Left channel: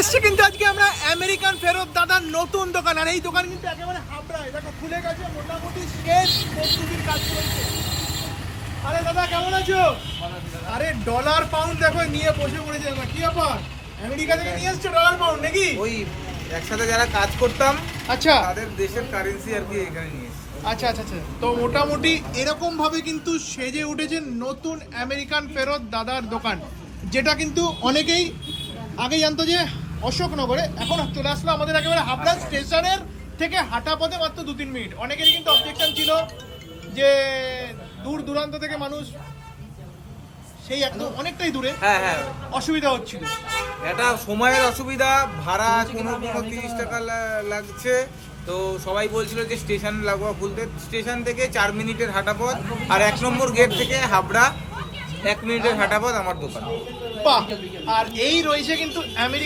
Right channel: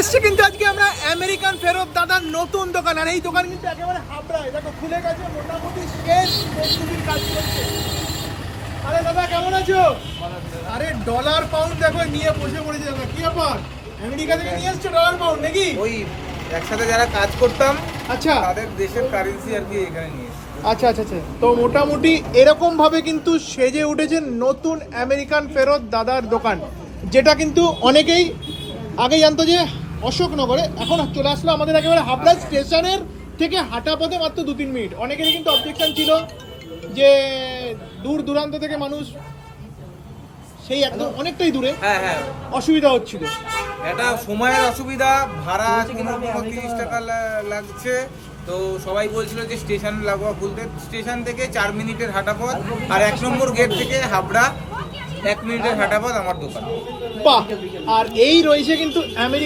এসেছি কিন্তু আজকে আমরা আমেরিকান ফেরত দাদার নতুন দোকান, আর এই দোকান কিন্তু একেবারে হাবড়ায়, দেখো খুলে গেছে, মোটামুটি শেষ প্রস্তুতির কাজ চলছে। আরে দাদা কেমন আছো? আরে ডলার পাউন্ড দেখো নিয়ে বসে পড়েছে দাদা, কি ব্যাপার? আমেরিকা থেকে নিয়ে এসছো ডলার পাউন্ড নাকি? ওই একসাথে যারা কাজ করতাম আচ্ছা তাদের দেশের কারেন্সি আর কি এখানে নিয়ে এসেছি। আচ্ছা আচ্ছা আচ্ছা, তো মোটামুটি এরকম ভাবে কিন্তু সেজে উঠেছে নতুন আমেরিকান ফেরত দাদার দোকান, যেটা কিন্তু অনেকেই আগে জানতো যে অশোকনগরে, এখন চলে আসলো আমাদের একেবারে হাবড়া স্টেশনের থেকে হাঁটা পথে মাত্র 2-3 মিনিট। অনেকেরই কিন্তু অবজেকশন ছিল যে দূর দূরান্ত থেকে মানুষ সেই একদম অনেকটাই দূরে, হ্যাঁ হ্যাঁ, অসুবিধা হচ্ছিল। এটা সময়ের অসুবিধা, ভাড়া 15-30 টাকা লাগছে। তো সবাই বলছিল যে স্টেশন লাগোয়া খুলতে, স্টেশন থেকে 4 মিনিটের হাঁটা পথ, আর 1 নম্বর গেট থেকে হাবড়া 1 মিনিটের হাঁটা পথ আমার দোকান। বাহ! আর এই রয়েছে কিন্তু আমেরিকা